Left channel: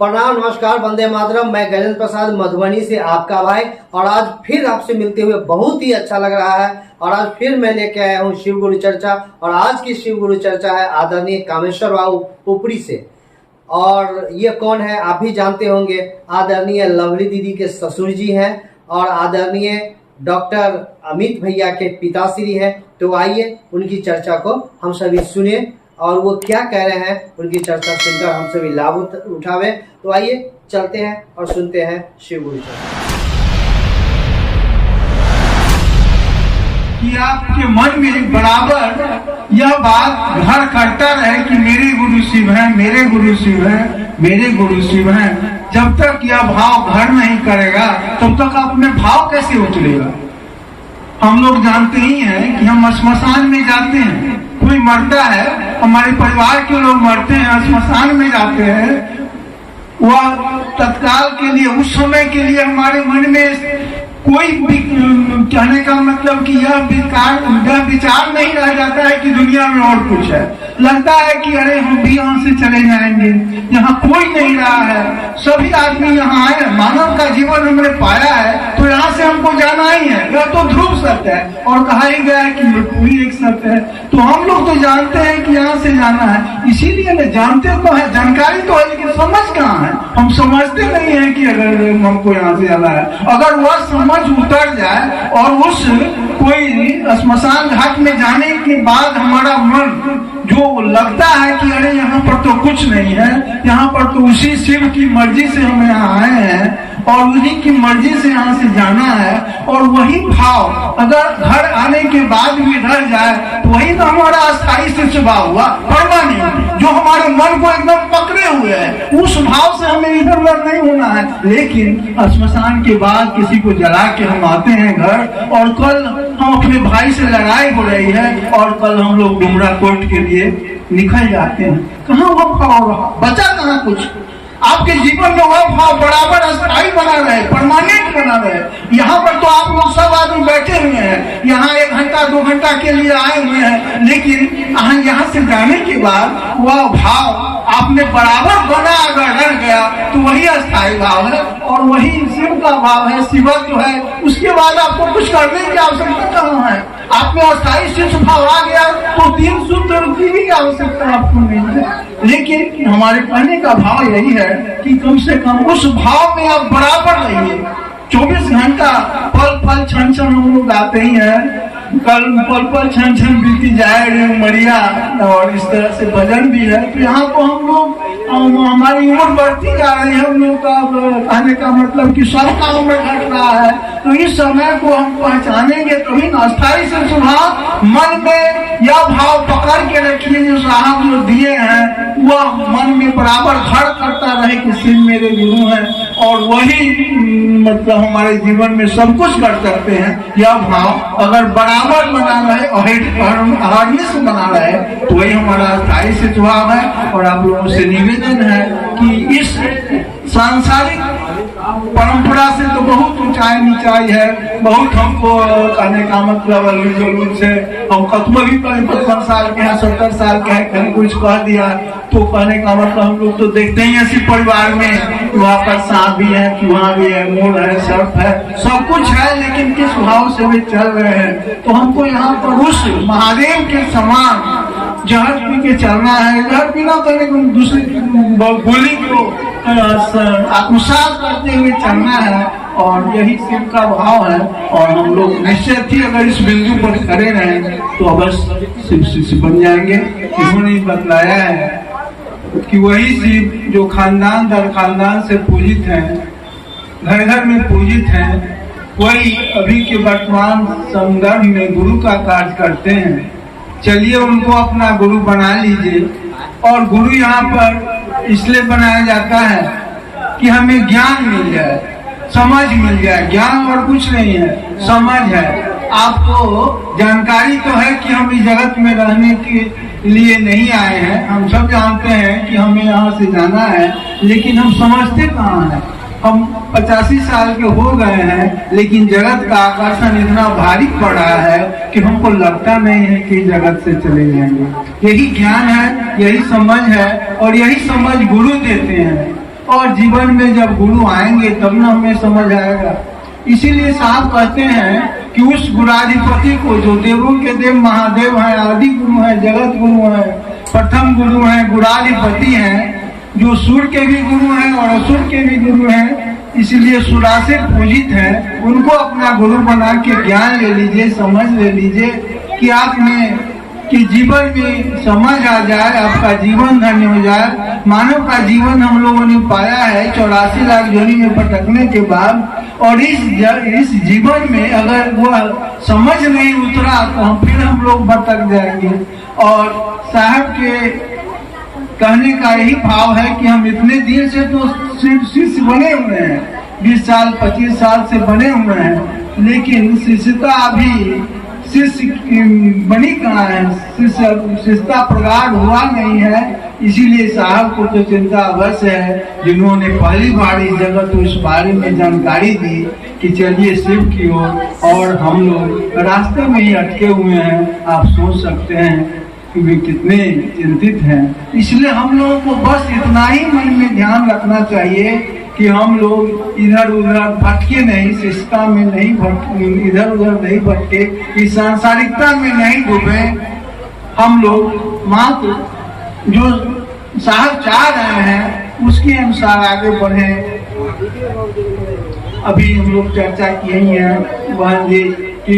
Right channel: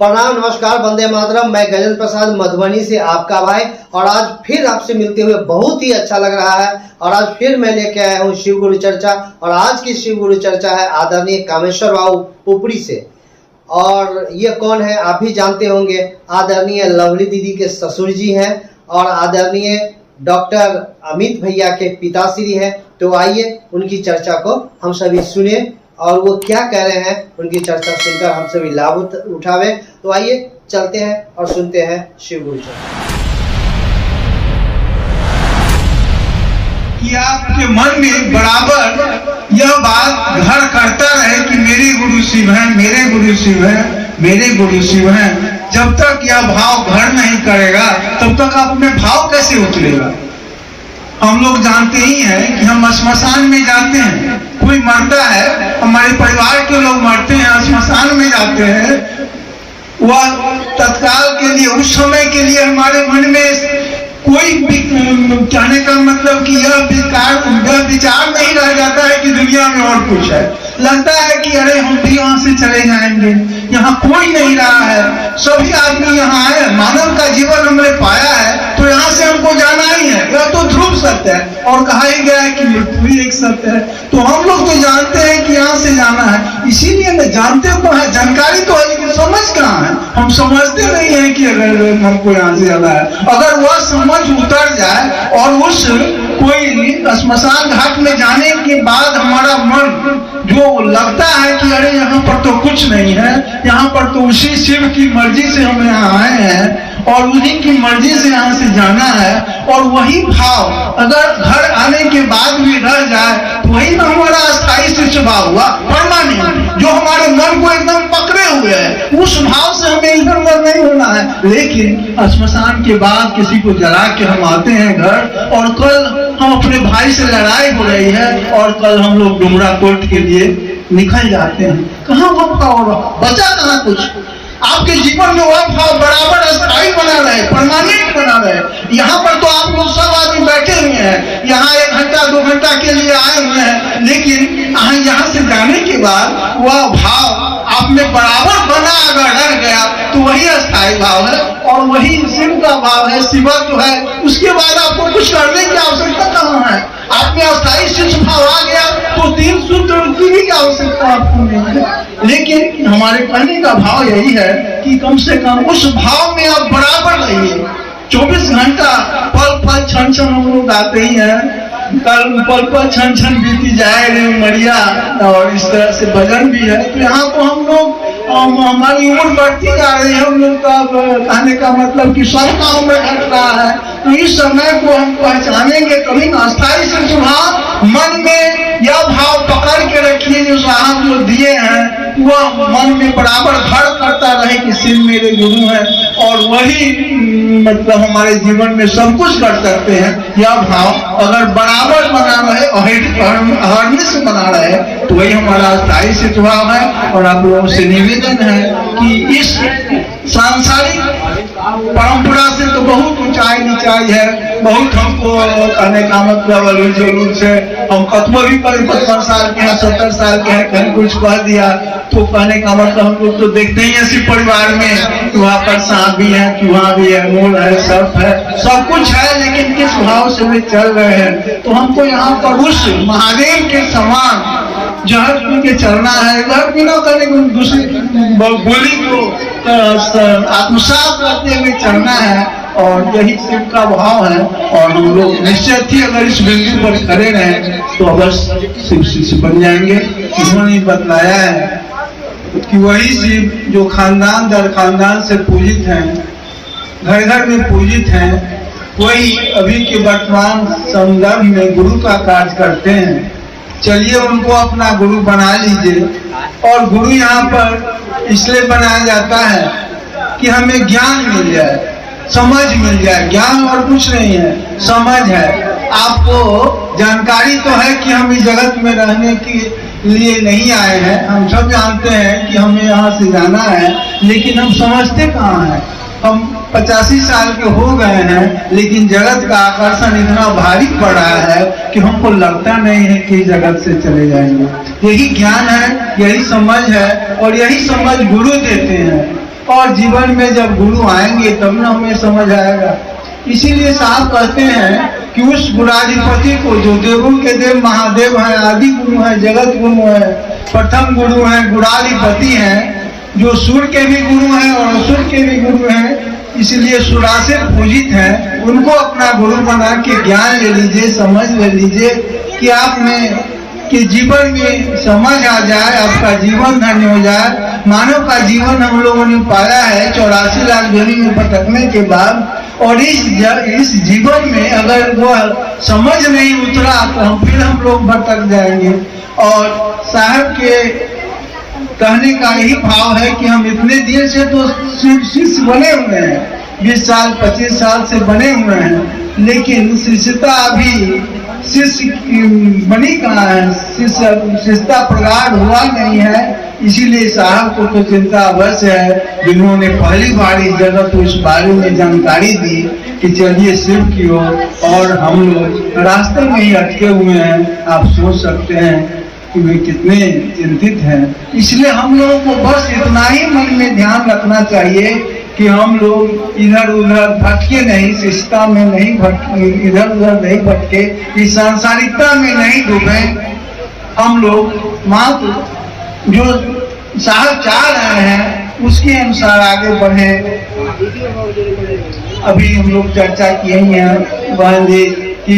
प्रणाम, नमस्कार, वंदे मातरम। मैं गजेंद्र प्रसाद मधुबनी से आपका भाई, और आज फिर आपसे मिलते हुए बहुत ही अच्छा लग रहा है। और आज फिर मैं लेके आया हूँ शिव गुरु चर्चा, और आज की शिव गुरु चर्चा है आदरणीय कामेश्वर बाबू पुपरी से। और ये कौन है आप भी जानते होंगे, आदरणीय लवली दीदी के ससुर जी हैं और आदरणीय डॉक्टर अमित भैया के पिताश्री हैं। तो आइए उनकी चर्चा को हम सभी सुने और वो क्या कह रहे हैं उनकी चर्चा सुनकर हम सभी लाभ उठावे। तो आइए चलते हैं और सुनते हैं शिव गुरु चर्चा। कि आपके मन में बराबर यह बात घर करता रहे कि मेरे गुरु शिव है, मेरे गुरु शिव है, मेरे गुरु शिव है। जब तक यह भाव घर नहीं करेगा तब तक आप में भाव कैसे उतरेगा। हम लोग जानते ही हैं कि हम श्मशान में जाते हैं, कोई मरता है, हमारे परिवार के लोग मरते हैं, श्मशान में जाते हैं। वह तत्काल के लिए, उस समय के लिए हमारे मन में कोई कहने का मतलब कि यह विचार नहीं रह जाता है कि दुनिया में और कुछ है। लगता है कि अरे हम भी यहाँ से चले जाएंगे, यहाँ कोई नहीं रहा है, सभी आदमी यहाँ आए, मानव का जीवन हमने पाया है तो यहाँ से हमको जाना ही है। यह तो ध्रुव सत्य है और कहा ही गया है कि मृत्यु भी एक सत्य है। तो हम लोग तो जानते हैं कि यहाँ से जाना है, इसीलिए मैं जानते तो है, जानकारी तो है, लेकिन समझ कहाँ है। हम समझते नहीं है कि अगर हमको यहाँ से जाना है। अगर वह समझ उतर जाए और उस कोई श्मशान घाट में जाने के बाद हमारा मन जो लगता है कि अरे यहाँ पर तो कुछ नहीं है, यहाँ पर तो उसी शिव की मर्जी से हम यहाँ आए हैं और उन्हीं की मर्जी से यहाँ से जाना है, और वही भाव अगर घर आने के बाद भी रह जाए तो वही तो हमारा अस्थायी शिष्य भाव हुआ, परमानेंट, जो हमारे मन को एकदम पकड़े हुए है। उस भाव से हमें इधर उधर नहीं होना है। लेकिन श्मशान के बाद किसी को जला के हम आते हैं घर, और कल हम अपने भाई से लड़ाई हो रही है और कल हम लोग डुमरा कोर्ट के लिए निकल जाते हैं। कहाँ वो भाव रहा, बचा कहाँ कुछ। आपके जीवन में वह भाव बराबर अस्थायी बना रहे, परमानेंट बना रहे। यहाँ पर तो आप लोग सब आदमी बैठे हुए हैं, यहाँ 1 घंटा 2 घंटा के लिए आए हुए हैं, लेकिन यहाँ से जाने के बाद वह भाव आप में बराबर बना अगर रह गया तो वही अस्थायी भाव है और वही शिव का भाव है, शिवत्व है। उसके बाद आपको कुछ करने की आवश्यकता कहाँ है। आप में अस्थायी शिव भाव आ गया तो 3 सूत्र की भी आवश्यकता आपको नहीं है। लेकिन हमारे कहने का भाव यही है कि कम से कम उस भाव में आप बराबर रहिए। 24 घंटा पल पल क्षण क्षण हम लोग आते ही हैं, कल पल पल क्षण क्षण बीती जाए रे मरिया, और इस तरह से भजन भी है। तो यहाँ को हम लोग हमारी उम्र बढ़ती जा रही है, हम लोग का कहने का मतलब कि सबका उम्र घट रहा है। तो इस समय को हम पहचानेंगे कभी ना। अस्थायी से स्वभाव मन में यह भाव पकड़ के रखिए जो साहब लोग दिए हैं, वह मन में बराबर घर करता रहे कि शिव मेरे गुरु हैं और वही मतलब हमारे जीवन में सब कुछ कर सकते हैं। यह भाव अगर बराबर बना रहे, अहर्निश बना रहे, तो वही हमारा अस्थायी से स्वभाव है। और आप लोगों से निवेदन है कि इस सांसारिक परंपरा से तो बहुत ऊंचाई नीचाई है, बहुत हमको करने का मतलब जरूर से हम कतमो भी 55 साल के हैं, 70 साल के हैं, कहीं कुछ कह दिया तो कहने का मतलब हम लोग तो देखते ही ऐसे परिवार में वहाँ पर सांप भी है, चूहा भी है, मोर है, सर्प है, सब कुछ है, लेकिन किस भाव से वे चल रहे हैं। तो हमको यहाँ पर उस महादेव के समान जहर पी के चलना है। जहर पीना करने को दूसरी बोली को आत्मसात करते हुए चलना है, और यही शिव का भाव है। और हम लोग निश्चय ही अगर इस बिंदु पर खड़े रहें तो अवश्य शिव शिष्य बन जाएंगे। उन्होंने बतलाया है कि वही शिव जो खानदान दर खानदान से पूजित हैं, घर घर में पूजित हैं, वही अभी के वर्तमान संदर्भ में गुरु का कार्य करते हैं। चलिए उनको अपना गुरु बना लीजिए। और गुरु यहाँ पर इसलिए बनाया जाता है कि हमें ज्ञान मिल जाए, समझ मिल जाए। ज्ञान और कुछ नहीं है, समझ है। आपको जानकारी तो है कि हम इस जगत में रहने के लिए नहीं आए हैं, हम सब जानते हैं कि हमें यहाँ से जाना है, लेकिन हम समझते कहाँ हैं। हम 85 साल के हो गए हैं, लेकिन जगत का आकर्षण इतना भारी पड़ा है कि हमको लगता नहीं है कि जगत से चले जाएंगे। यही ज्ञान है, यही समझ है, और यही समझ गुरु देते हैं। और जीवन में जब गुरु आएंगे तब ना हमें समझ आएगा। इसीलिए साहब कहते हैं कि उस गुणाधिपति को जो देवों के देव महादेव है, आदि गुरु है, जगत गुरु है, प्रथम गुरु है, गुणाधिपति हैं, जो सूर्य के भी गुरु हैं और असुर के भी गुरु हैं, इसलिए सुरासिर पूजित हैं, उनको अपना गुरु बना के ज्ञान ले लीजिए, समझ ले लीजिए कि आप में कि जीवन में समझ आ जाए, आपका जीवन धन्य हो जाए। मानव का जीवन हम लोगों ने पाया है 84 लाख योनि में भटकने के बाद, और इस जीवन में अगर वह समझ नहीं उतरा तो हम लोग भटक जाएंगे। और साहब के कहने का यही भाव है कि हम इतने दिन से तो शिष्य बने हुए हैं, 20 साल 25 साल से बने हुए हैं, लेकिन शिष्यता अभी शिष्य बनी कहाँ है, शिष्यता प्रगाढ़ हुआ नहीं है। इसीलिए साहब को तो चिंता अवश्य है, जिन्होंने पहली बार इस जगह को इस बारे में जानकारी दी कि चलिए शिव की ओर, और हम लोग रास्ते में ही अटके हुए हैं। आप सोच सकते हैं कि वे कितने चिंतित हैं। इसलिए हम लोगों को बस इतना ही मन में ध्यान रखना चाहिए कि हम लोग इधर उधर भटके नहीं, शिष्टता में नहीं भटके, इधर उधर नहीं भटके, इस सांसारिकता में नहीं डूबे। हम लोग मात्र जो साहब चाह रहे हैं उसके अनुसार आगे बढ़े। अभी हम लोग चर्चा किए हैं वहाँ जी कि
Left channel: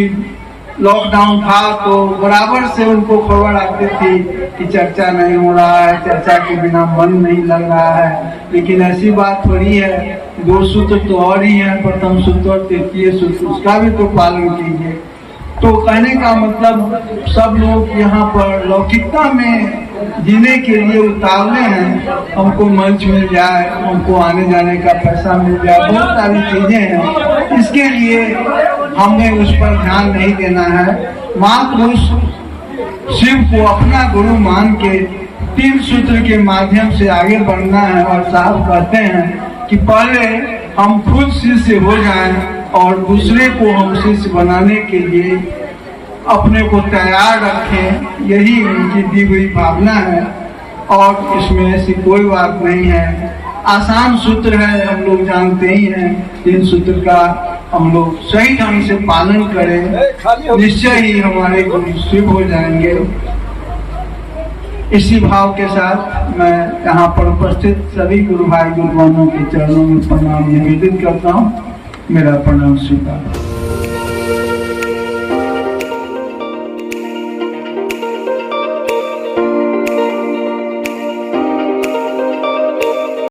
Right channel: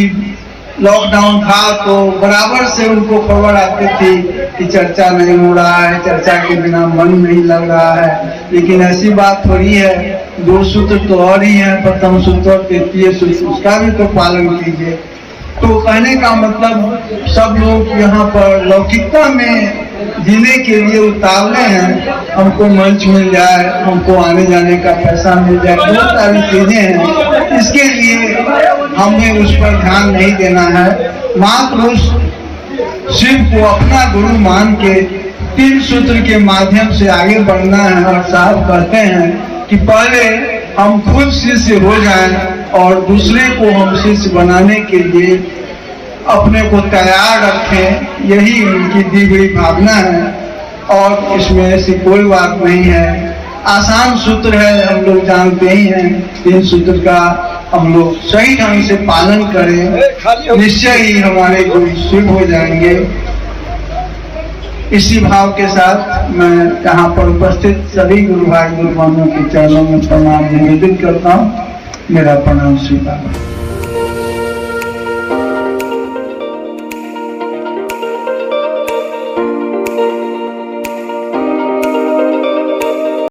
लॉकडाउन था तो बराबर से उनको खबर आती थी कि चर्चा नहीं हो रहा है, चर्चा के बिना मन नहीं लग रहा है। लेकिन ऐसी बात थोड़ी है, 2 सूत्र तो और ही है, प्रथम सूत्र, तृतीय सूत्र, उसका भी तो पालन कीजिए। तो कहने का मतलब सब लोग यहाँ पर लौकिकता में जीने के लिए उतावले हैं। हमको मंच मिल जाए, हमको आने जाने का पैसा मिल जाए, बहुत सारी चीजें हैं। इसके लिए हमें उस पर ध्यान नहीं देना है, मात्र उस शिव को अपना गुरु मान के 3 सूत्र के माध्यम से आगे बढ़ना है। और साहब कहते हैं कि पहले हम खुद शिष्य हो जाएं और दूसरे को हम शिष्य बनाने के लिए अपने को तैयार रखें, यही उनकी दी हुई भावना है। और इसमें ऐसी कोई बात नहीं है, आसान सूत्र है, हम लोग जानते ही हैं। 3 सूत्र का हम लोग सही ढंग से पालन करें, निश्चय ही हमारे गुरु शिव हो जाएंगे। इसी भाव के साथ मैं यहाँ पर उपस्थित सभी गुरु भाई गुरुवानों के चरणों में प्रणाम निवेदित करता हूँ। मेरा प्रणाम स्वीकार।